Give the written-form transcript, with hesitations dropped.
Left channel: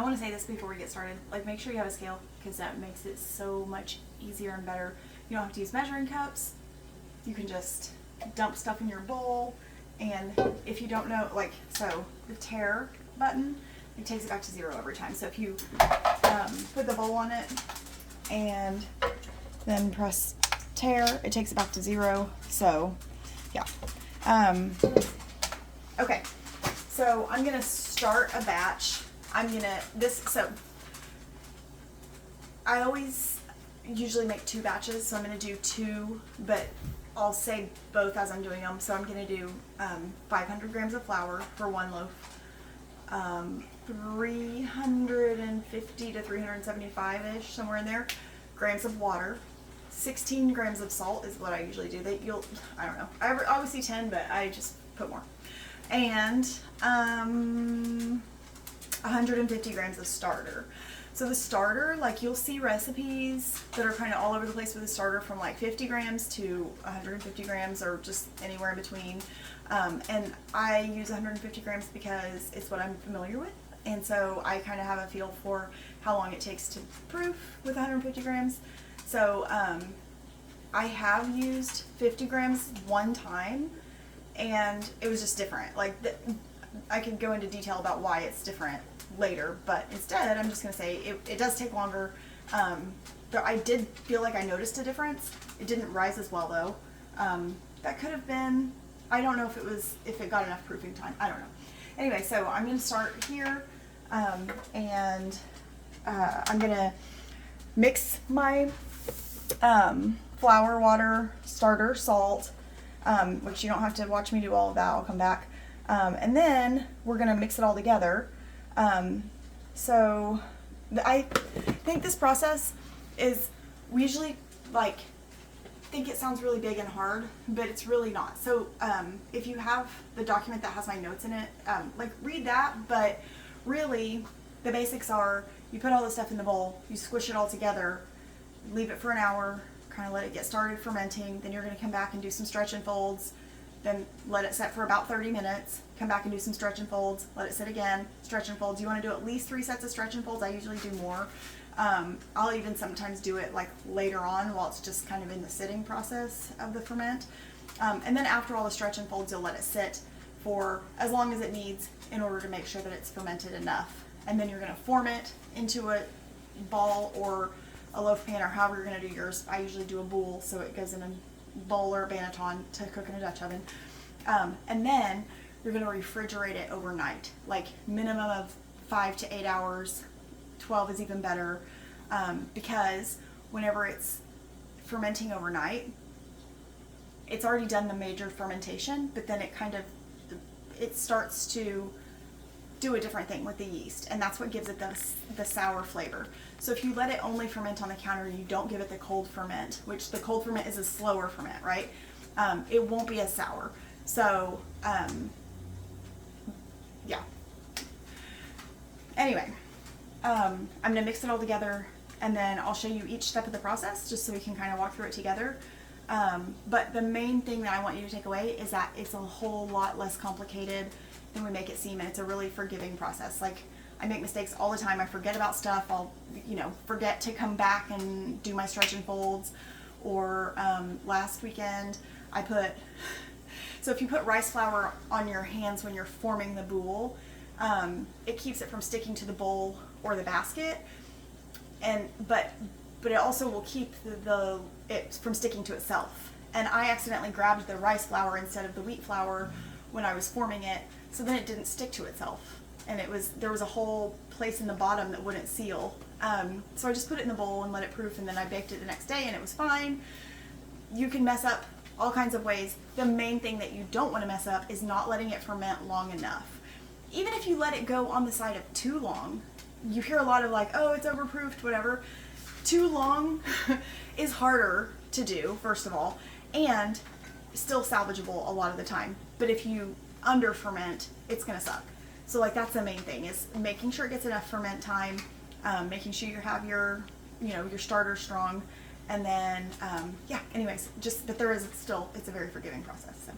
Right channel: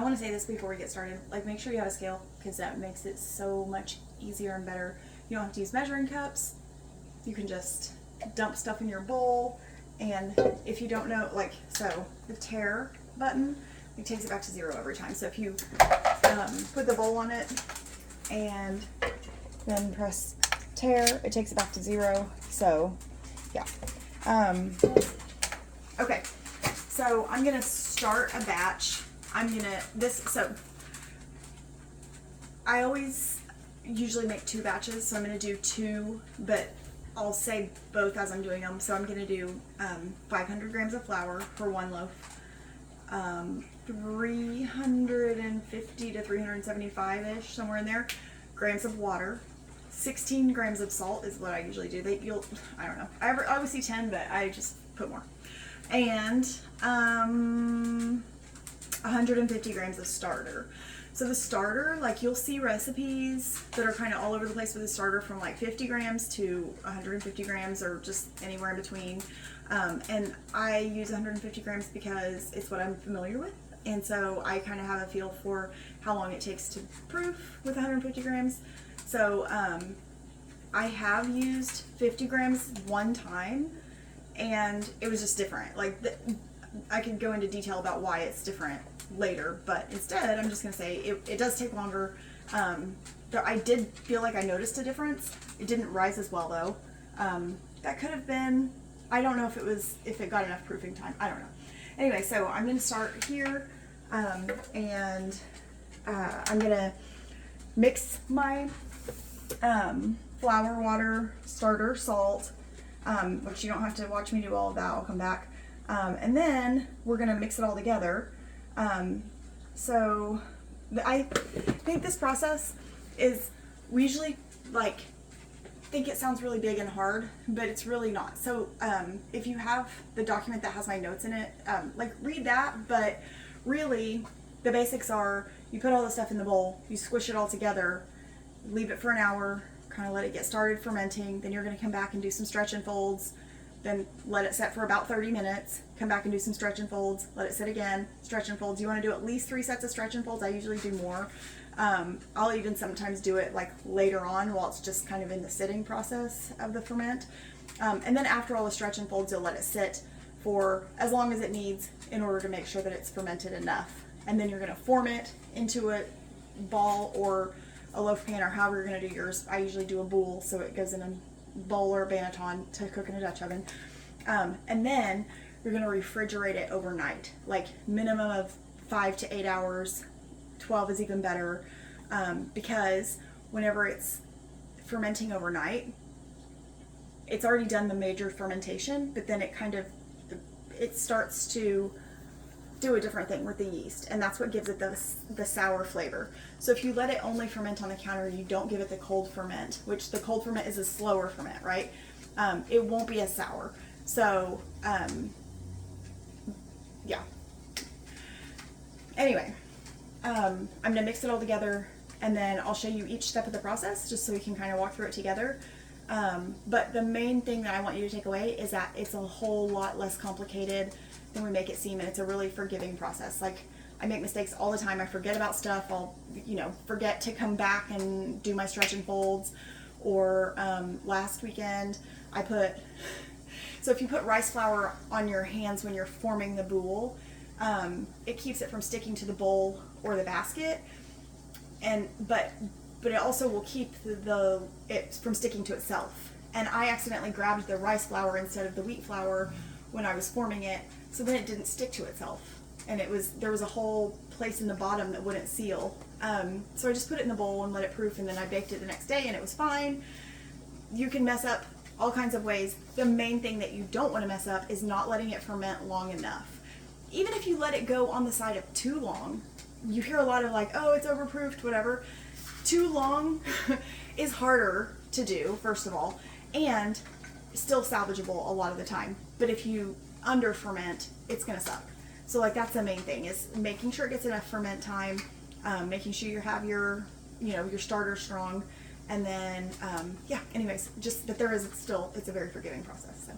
I want to say this before we get started, like make sure you have a scale, because that makes it so much easier and better. You don't have to use measuring cups. You can just dump stuff in your bowl, and if you don't know, like, so the tare button, it takes it back to 0 every time. So if you put the bowl on it and then press tare, it takes it back to 0. So yeah. Okay, so I'm gonna start a batch. So I always usually make 2 batches, so I'm gonna do 2, but I'll say both as I'm doing them. So I'm gonna do 500 grams of flour for 1 loaf, 350 to 375-ish, somewhere in there, grams of water, 16 grams of salt is what I usually do. I don't know. I always see 10, but I just put more. And 150 grams of starter. So the starter, like you'll see recipes that are kind of all over the place with the starter, from like 50 grams to 150 grams or just anywhere in between. And I use 150 grams because it's what I'm familiar with. And so I kind of have a feel for how long it takes to proof with 150 grams. So I have used 50 grams one time, and it was just different. Like I could go into detail about why it's different later, but instead I'm just going to say it does take longer. But I did feel like I noticed a difference. It didn't rise as well though. That could have been, I don't know if it got enough proofing time. I don't know. Anyway, so I'm going to start here, and I'm going to mix my flour, water, starter, salt, which you don't have to watch me do all of that. I'll come back. And then we're going to mix it all together. So I think this process is, we usually think it sounds really big and hard, but it's really not. So if you have the document that has my notes in it, read that, but really the basics are, you put all the stuff in the bowl, you squish it all together, leave it for an hour, kind of let it get started fermenting, then you're going to come back and do some stretch and folds, then let it set for about 30 minutes, come back and do some stretch and folds, let it sit again, stretch and folds. You want to do at least 3 sets of stretch and folds. I usually do more. I'll even sometimes do it like later on while it's just kind of in the sitting process of the ferment. And then after all the stretch and folds, you'll let it sit for as long as it needs in order to make sure that it's fermented enough. And then you're going to form it into a ball or a loaf pan, or however you're going to do yours. I usually do a boule, so it goes in a bowl or a banneton to cook in a Dutch oven. And then you're going to refrigerate it overnight, like minimum of 5 to 8 hours. 12 is even better, because whenever it's fermenting overnight, it's already done the major fermentation, but then it starts to do a different thing with the yeast, and that's what gives it the sour flavor. So if you let it only ferment on the counter, you don't give it the cold ferment, which the cold ferment is a slower ferment, right? It won't be as sour. So yeah. Anyway, I'm gonna mix it all together, and then I'll show you each step of the process just so we can kind of walk through it together. But the main thing that I want you to take away is that it's a whole lot less complicated than we make it seem, and it's a really forgiving process. Like, I make mistakes all the time. I forget about stuff. I'll, forget to come back and do my stretch and folds. Or last weekend so if you put rice flour on your hands when you're forming the boule, it keeps it from sticking to the bowl or the basket, but it also will keep it from sticking to itself. And I accidentally grabbed the rice flour instead of the wheat flour when I was forming it, so then it didn't stick to itself, and there was a whole place in the bottom that wouldn't seal. So I just put it in the bowl and let it proof, and then I baked it the next day, and it was fine. You can mess up all kinds of ways. The main thing that you don't want to mess up is not letting it ferment long enough. Even if you let it go on the side of too long, you hear a lot of like, oh, it's overproofed, whatever. Too long is harder to do, first of all, and still salvageable a lot of the time. But if you under ferment, it's gonna suck. So that's the main thing, is making sure it gets enough ferment time, making sure you have your starter strong, and then anyways, just that it's a very forgiving process. So